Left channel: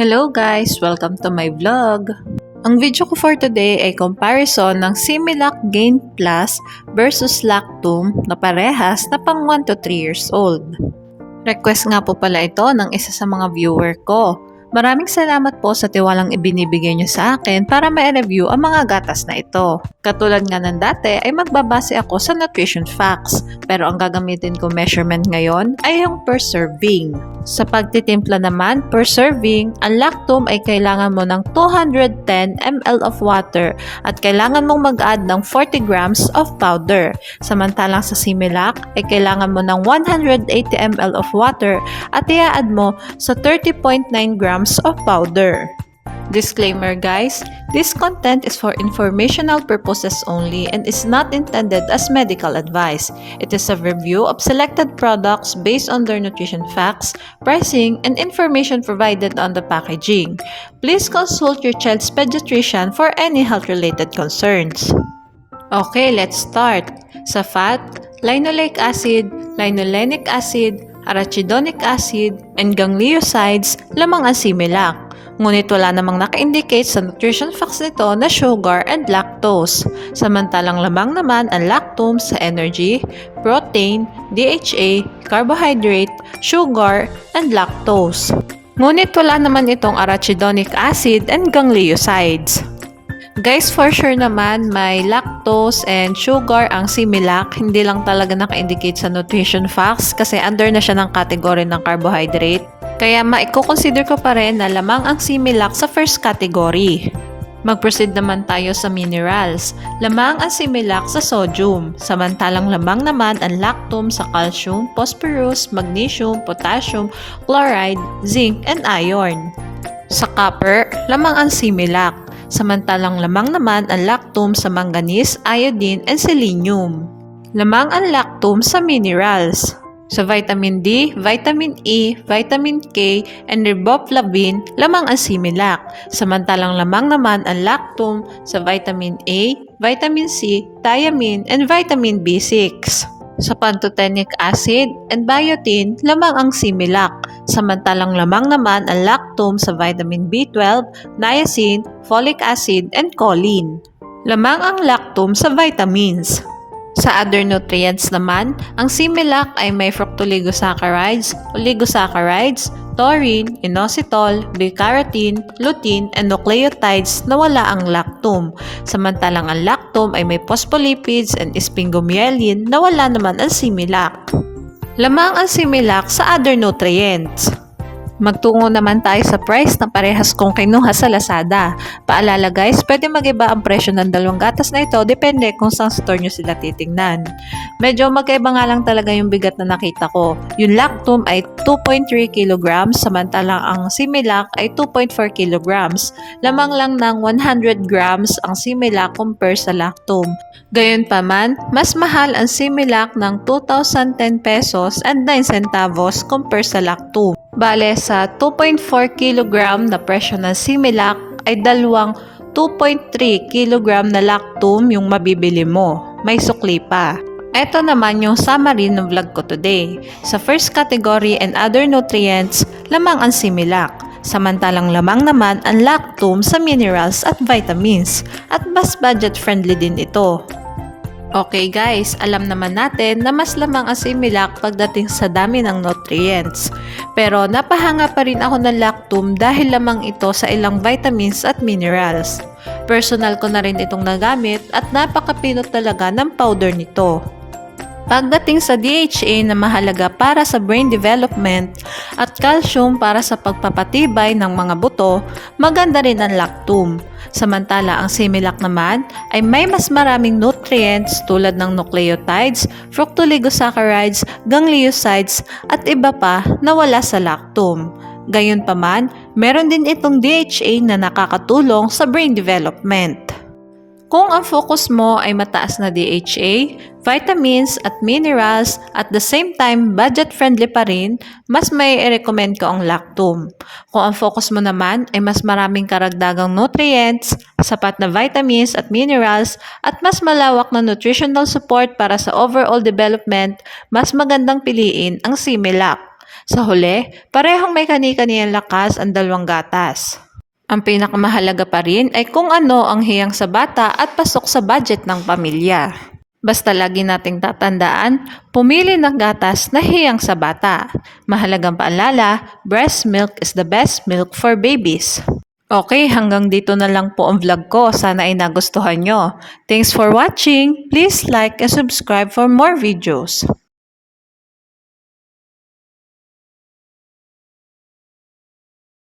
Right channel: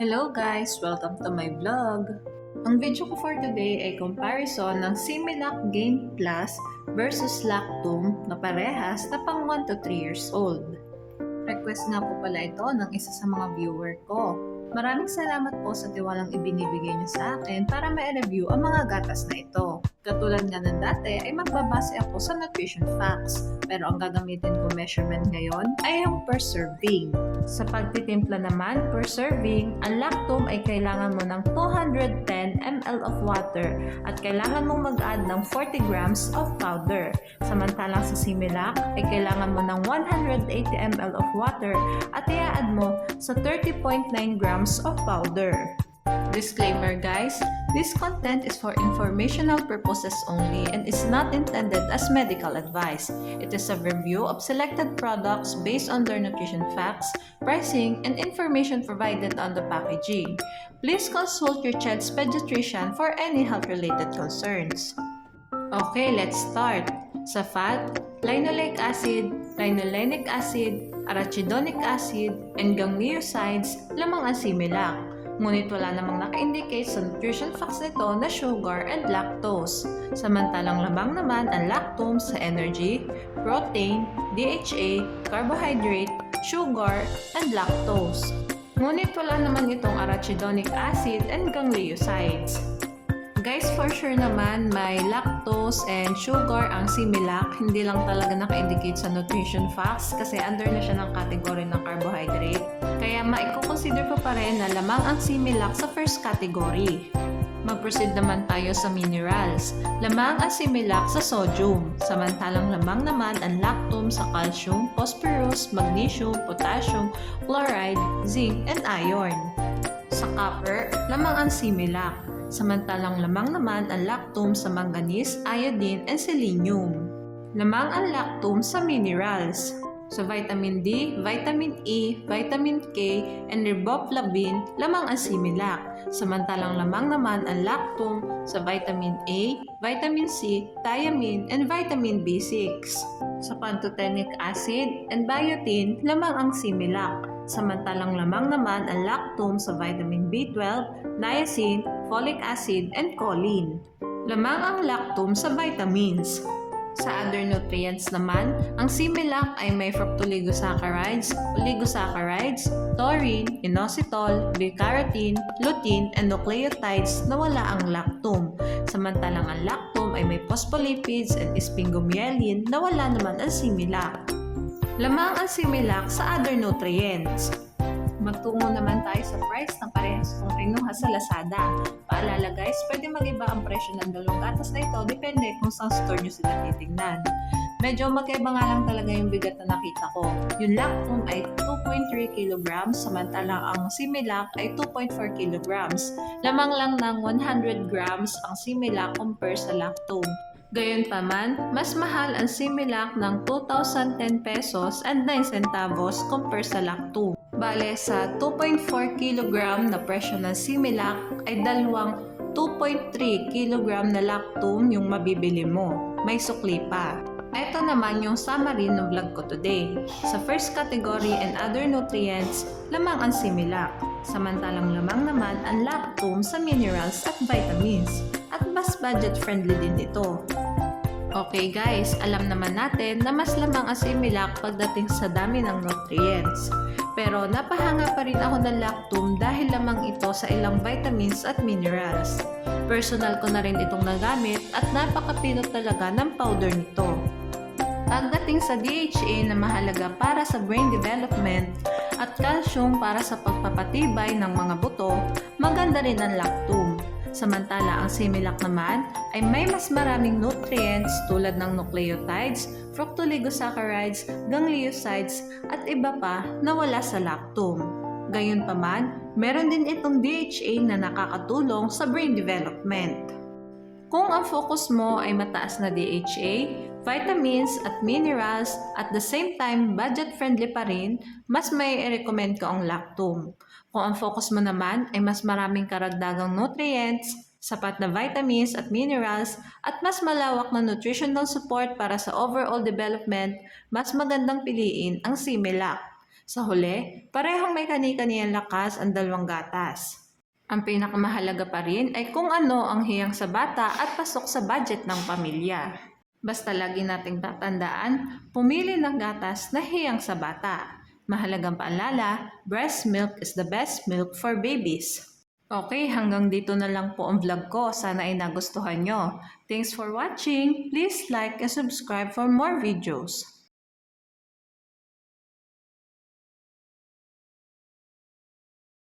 Hello guys! Welcome to my vlog! Ang video ko for today ay comparison ng Similac Gain Plus versus Lactum na parehas na pang 1 to 3 years old. Request nga po pala ito ng isa sa mga viewer ko. Maraming salamat po sa tiwalang ibinibigay niyo sa akin para ma-review ang mga gatas na ito. Katulad nga ng dati ay magbabase ako sa nutrition facts, pero ang gagamitin ko measurement ngayon ay yung per serving. Sa pagtitimpla naman per serving, ang Lactum ay kailangan mo ng 210 ml of water at kailangan mong mag-add ng 40 grams of powder. Samantalang sa Similac ay kailangan mo ng 180 ml of water at i-add mo sa 30.9 grams of powder. Disclaimer guys, this content is for informational purposes only and is not intended as medical advice. It is a review of selected products based on their nutrition facts, pricing, and information provided on the packaging. Please consult your child's pediatrician for any health-related concerns. Okay, let's start. Sa fat, linoleic acid, linolenic acid, arachidonic acid, and gangliosides lamang ang Similac. Ngunit wala namang naka-indicate sa nutrition facts nito na sugar and lactose. Samantalang lamang naman ang Lactum sa energy, protein, DHA, carbohydrate, sugar, and lactose. Ngunit wala naman itong arachidonic acid and gangliosides. Guys, for sure naman may lactose and sugar ang Similac. Hindi lang talaga naka-indicate sa nutrition facts kasi under na siya ng category ng carbohydrate. Kaya maiko-consider ko pa rin na lamang ang Similac sa first category. Mag-proceed naman tayo sa minerals. Lamang ang Similac sa sodium, samantalang lamang naman ang Lactum sa calcium, phosphorus, magnesium, potassium, chloride, zinc, and iron. Sa copper, lamang ang Similac, samantalang lamang naman ang Lactum sa manganese, iodine, and selenium. Lamang ang Lactum sa minerals. Sa vitamin D, vitamin E, vitamin K, and riboflavin, lamang ang Similac. Samantalang lamang naman ang Lactum sa vitamin A, vitamin C, thiamine, and vitamin B6. Sa pantothenic acid and biotin, lamang ang Similac. Samantalang lamang naman ang Lactum sa vitamin B12, niacin, folic acid, and choline. Lamang ang Lactum sa vitamins. Sa other nutrients naman, ang Similac ay may fructooligosaccharides, oligosaccharides, taurine, inositol, beta-carotene, lutein, and nucleotides na wala ang Lactum. Samantalang ang Lactum ay may phospholipids and sphingomyelin na wala naman ang Similac. Lamang ang Similac sa other nutrients. Magtungo naman tayo sa price na parehas kong kinuha sa Lazada. Paalala guys, pwede mag-iba ang presyo ng dalawang gatas na ito depende kung saan store nyo sila titingnan. Medyo magkaiba nga lang talaga yung bigat na nakita ko. Yung Lactum ay 2.3 kg samantalang ang Similac ay 2.4 kg. Lamang lang ng 100 grams ang Similac compare sa Lactum. Gayunpaman, mas mahal ang Similac ng 2,010 pesos and 9 centavos compare sa Lactum. Bale, sa 2.4 kg na presyo ng Similac ay dalawang 2.3 kg na Lactum yung mabibili mo. May sukli pa. Ito naman yung summary ng vlog ko today. Sa first category and other nutrients, lamang ang Similac. Samantalang lamang naman ang Lactum sa minerals at vitamins. At mas budget friendly din ito. Okay guys, alam naman natin na mas lamang ang Similac pagdating sa dami ng nutrients. Pero napahanga pa rin ako ng Lactum dahil lamang ito sa ilang vitamins at minerals. Personal ko na rin itong nagamit at napakapinot talaga ng powder nito. Pagdating sa DHA na mahalaga para sa brain development at calcium para sa pagpapatibay ng mga buto, maganda rin ang Lactum. Samantala ang Similac naman ay may mas maraming nutrients tulad ng nucleotides, fructooligosaccharides, gangliosides at iba pa na wala sa Lactum. Gayunpaman, meron din itong DHA na nakakatulong sa brain development. Kung ang focus mo ay mataas na DHA, vitamins at minerals at the same time budget-friendly pa rin, mas may i-recommend ko ang Lactum. Kung ang focus mo naman ay mas maraming karagdagang nutrients, sapat na vitamins at minerals, at mas malawak na nutritional support para sa overall development, mas magandang piliin ang Similac. Sa huli, parehong may kani-kaniyang lakas ang dalawang gatas. Ang pinakamahalaga pa rin ay kung ano ang hiyang sa bata at pasok sa budget ng pamilya. Basta lagi nating tatandaan, pumili ng gatas na hiyang sa bata. Mahalagang paalala, breast milk is the best milk for babies. Okay, hanggang dito na lang po ang vlog ko. Sana ay nagustuhan nyo. Thanks for watching. Please like and subscribe for more videos.